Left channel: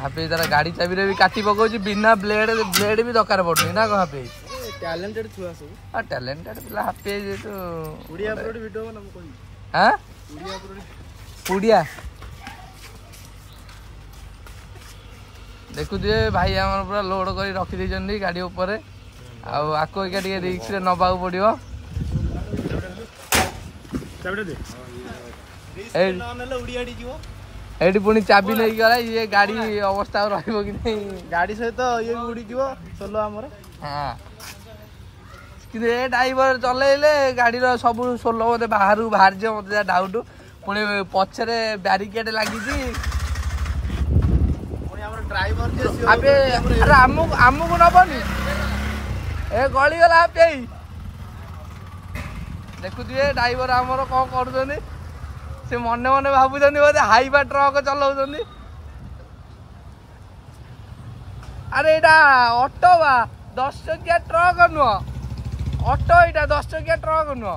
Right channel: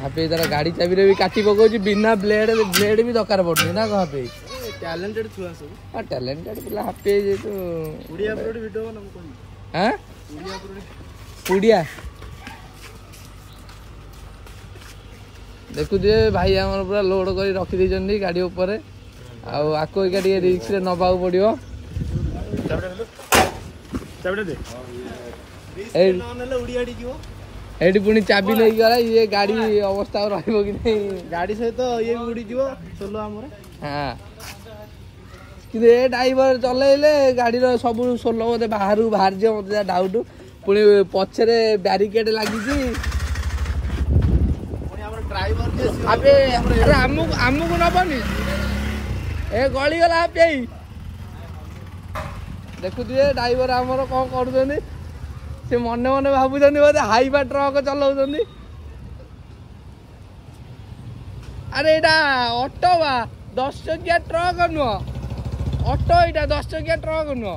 happy तार गाड़ी चाबी भी काटी पकाउछि बिना ब्लेड भी दरकार पड़ुनी ना को हापी टैलेंटेड छुआ सब हां टैलेंटेड पिला हापी जे तो उड़िया अपलोड वीडियो बना कोई हां उड़िया अपलोड उड़िया देखु दिए भाई हमर पूरा लोड करी रखी दैछन्दी गाड़ी ऊपर आउ आको एका टिके रिस्क रे नबाउ पड़ियो चाबी दे रिस्क न नेले उड़िया डी जीवो एडी पुनी चाबी नै गला ये गाड़ी अवस्था रहइबो कि नै गाड़ी सहित ये भी उड़ी जीवो सोलो हमरे हां कि ए ड्राइवर चलेले गाड़ी रो सब सोलो ओदे बाहर जे ओदे डाउट पुनी पछरे बैरिकेड लागि छी पुनी हमर ड्राइवर अबे अरे आमु नबनी ए गली गला पे देखु दिए ड्राइवर हमर कोन करूछनी से मने मने भाबुछनी बोले हाईवा ट्रक चलाउछनी अरे एटा ऑटो बा 10 चकिया ट्रक नुह ऑटो एटा 10 चकिया ट्रक नुह